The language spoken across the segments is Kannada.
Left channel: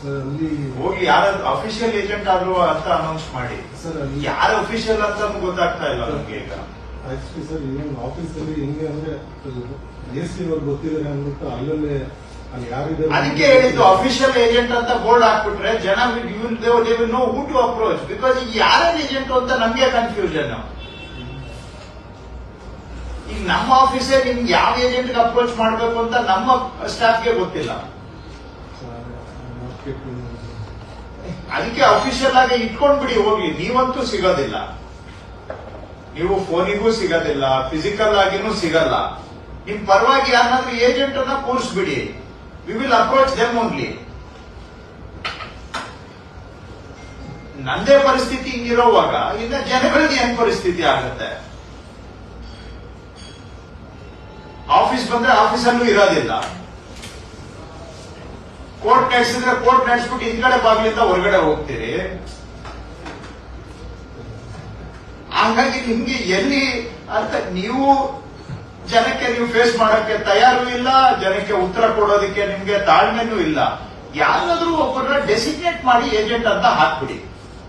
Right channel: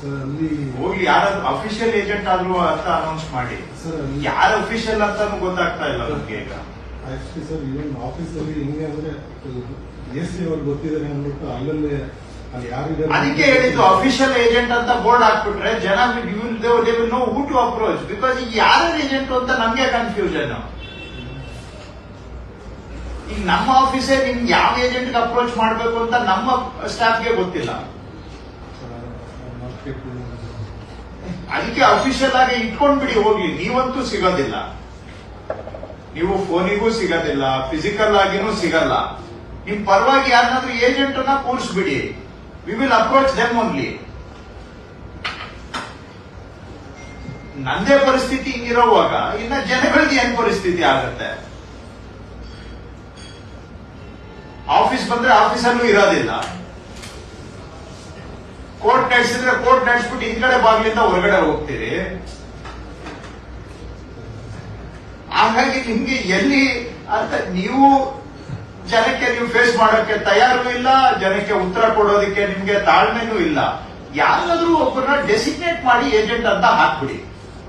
ಸರ್ ಅಲ್ಲಿ ಹೋಗಿ ಯಾರಾದ್ರೂ ಅಫಿಷಿಯಲ್ ಏಜೆಂಟ್ ಆದ್ರೂ ಅಂತ ಅನೌನ್ಸ್ ಮಾಡಿ. ಸರ್ ಅಲ್ಲಿ ಯಾರು ಅಫಿಷಿಯಲ್ ಅಂತ ಗೊತ್ತಾಗ್ತಾ ಇಲ್ಲ ನಮ್ಗೆ ಈಗ. ಆಕ್ಚುಲಿ ಸರ್ ಈವನ್ ಆಫೀಸಲ್ಲಿ ಹೆಂಗೆ ಅಂದ್ರೆ ಎಸ್ ಇವ್ರು ಗೊತ್ತಿದ್ದಾರೆ ಅಂದ್ಬಿಟ್ಟು ಅಲ್ಲಲ್ಲೇ ಅಲ್ಲಿ ಯಾರಿದ್ದಾರೆ ಅದಕ್ಕೆ ಹೇಳಿದ್ದು ಅಫಿಷಿಯಲ್ ಏಜೆಂಟ್ ಅಂತ ಬೋರ್ಡ್ ಹಾಕ್ಬಿಟ್ರೆ ಜನ no who to approach because ಈಗ ಯಾರ್ಯಾರು ಏಜೆಂಟ್ ಅಂತ ನಮ್ಗೆ ಕನ್ಫ್ಯೂಷನ್ ಈಗ ನಮ್ಮ ಆಫೀಸೇ ನಿಮ್ಗೆ ಯಾವ ಏಜೆಂಟ್ ಅಪ್ರೋಚ್ ಮಾಡಬೇಕು ಅಂತ ನಮ್ಮ ಸ್ಟಾಫ್ಗೆ ಗೊತ್ತಿಲ್ಲ. ಅದಕ್ಕೆ ಅಫಿಷಿಯಲ್ ಆಗಿ ಇಟ್ಕೊಂಡ್ಬಿಡಿ, ಹೋಗಿ. ನೀವಂತೂ ಸಿಗೋದಿಲ್ಲ. ನೀವು ಫೋನಿಗೂ ಸಿಗೋದಿಲ್ಲ ಫಿಸಿಕಲ್ ಆಗಿನೂ ಸಿಗಲ್ಲ. ನಿಮ್ ಪರವಾಗಿ ಯಾರನ್ನಾದ್ರೂ ಏಜೆಂಟ್ ಅನ್ನ ಕೂರಿಸ್ಬಿಡಿ. We will approach them only ನಂದೇ ಪರಿಸ್ಥಿತಿ ಹಿಂಗಿರೋವಾಗ ಇನ್ನ ಜನಗಳಿಗೆ ಏನ್ ಪರಿಸ್ಥಿತಿ ಆಗತ್ತೆ? ಆಫೀಸ್ ಬಂದ್ರೆ ಆಫೀಸಲ್ಲೂ ಇರೋದಿಲ್ಲ. ಕೋರ್ಟ್ ನಡೆಸಿದ್ರೆ ಕೋರ್ಟ್ ನಡೆಸ್ಬಿಟ್ಟು ಕಡೆ ಬಾಗಿಲಿಂದ ಹೊರಗಡೆ ಹೋಗ್ತೀರಿ. ಹಂಗಾಗಿ ನಿಮ್ಗೆ ಎಲ್ಲಿ ಅಂತ ನೀವು ಜನಕ್ಕೆ ನೀವು ಫೇಸ್ ಮಾಡೋಕೆ ತಯಾರು ಇಲ್ಲ, ಜನಕ್ಕೆ ಉತ್ತರ ಕೊಡೋದಕ್ಕೆ ನಿಮ್ಗೆ ತಾಳ್ಮೆನೂ ಇಲ್ಲ. ಯಾರಾದ್ರೂ ಒಬ್ಬರನ್ನ ಡೆಸಿಗ್ನೇಟ್ ಮಾಡಿ ಏಜೆಂಟ್ ಅಂತ ಹಾಕ್ಬಿಡಿ.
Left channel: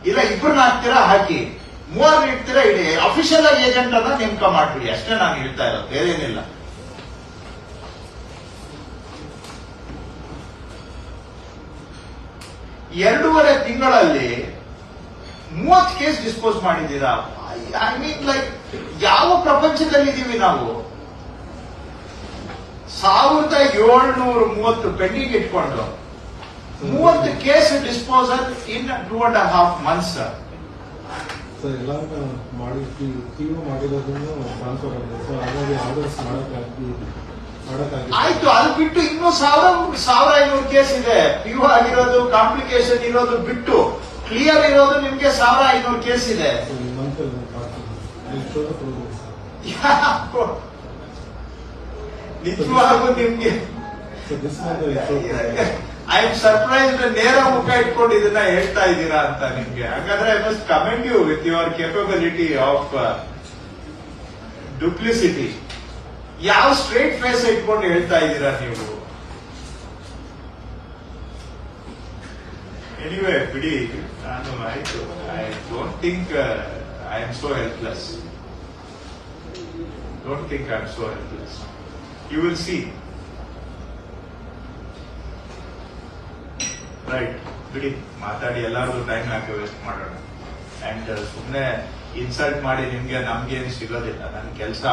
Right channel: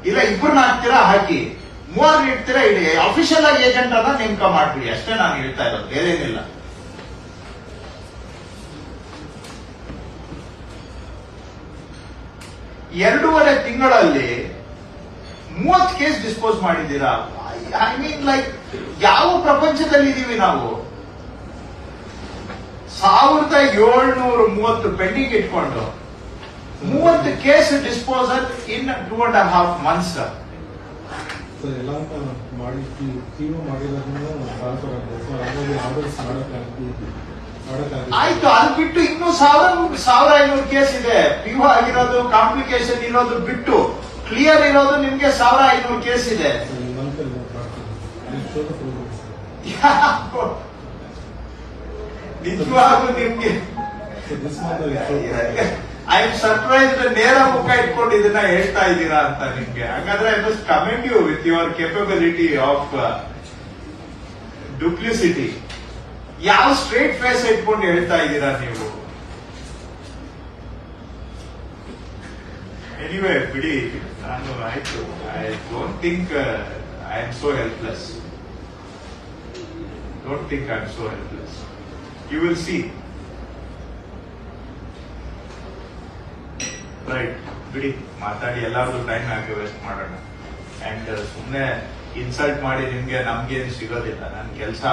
ಇಲ್ಲ, ಇಬ್ಬರನ್ನ ಹಾಕ್ತೀರಾ, ಹಾಕಿ. ಮೂವರ್ ಇಡ್ತೀರಾ, ಇಡಿ. ಅಫಿಷಿಯಲ್ ಆಗಿ ಏಜೆಂಟ್ ಅಂತ ನೇಮಕ ಮಾಡ್ಬಿಡಿ. ಅಷ್ಟೇ ನಾನು ಹೇಳ್ತಾ ಇರೋದು. ಬೇರೇನಿಲ್ಲ. ಎರಡೂವರೆ ತಿಂಗಳಲ್ಲಿ ಮೂವತ್ತು ಕೇಸ್ ಡಿಸ್ಪೋಸ್ ಮಾಡಿದ್ದೀರಾ? ಐ ಮೀನ್ ಲೈಕ್ ಯಾವ ಪ್ರಪಂಚದಲ್ಲಿ ಇದೀವಿ ನಾವು? ಸಾವಿರದ ಏಳ್ನೂರ ಮೂವತ್ತು ಪೆಂಡಿಂಗ್ ಇಟ್ಕೊಂಡು ಮೂವತ್ತು case disposal in two and half months ಎಲ್ಲ ಮಾಡಿರೋದ್ರಿಂದ ಟ್ರಾನ್ಸ್ಫರ್ ಆರ್ಡರ್ಸ್ ಆಯ್ತು ಅದು ಬಿಟ್ಟು ಸಾವಿರ ಸಾವಿರ ಐನೂರು ಕೇಸ್ ಇದೆ. ಪ್ಯೂ ಆಗಿರೋದು ಕಾಂಪ್ಲಿಕೇಶನ್ ಇರೋದು ಬಿಟ್ಟು ಕ್ಲಿಯರ್ ಇರೋದು ನಿಮ್ಗೆ ಸಾವಿರ ಐನೂರು ಕೇಸ್ ಇದೆ? ನಿಜವಾಗೂ ನಿಮ್ಗೆ. ಐ ಆಮ್ ಸರ್ಪ್ರೈಸ್ ನೇರ ಮುಖ ಇಟ್ಕೊಂಡು ಇದನ್ನ ಹೇಳ್ತಾ ಇದ್ದೀರಾ ಅಂತ ನಿಮ್ಗೆ. ಹಾಗಾದ್ರೆ I must commend you with your capability of duplicity ಯಾವ ಸ್ಟ್ರೇಟ್ ಫೇಸ್ ಇಟ್ಕೊಂಡು ಹೇಳ್ತಾ ಇದ್ದೀರಾ ನೀವು? ಎನಿವೇ ಬಿಡಿ ನಾನು ಆಯ್ತು. I don't think I am so helpless don't think I am so helpless you will see right ಬಿಡಿ ಮಾತಾಡಿ ಎಲ್ಲಾರ್ದು ಟೈಮ್ ಹಾಕಿ ವೇಸ್ಟ್ ಮಾಡೋಣ. ಅಂಡ್ ಸುಮ್ಮನೆ ಇನ್ಸಲ್ಟ್ ಮಾಡಿ ನಿಮ್ಗೆ ನಮ್ಗೇನು ಸಿಗೋದಿಲ್ಲ. ನನ್ನ ಕೆಲಸ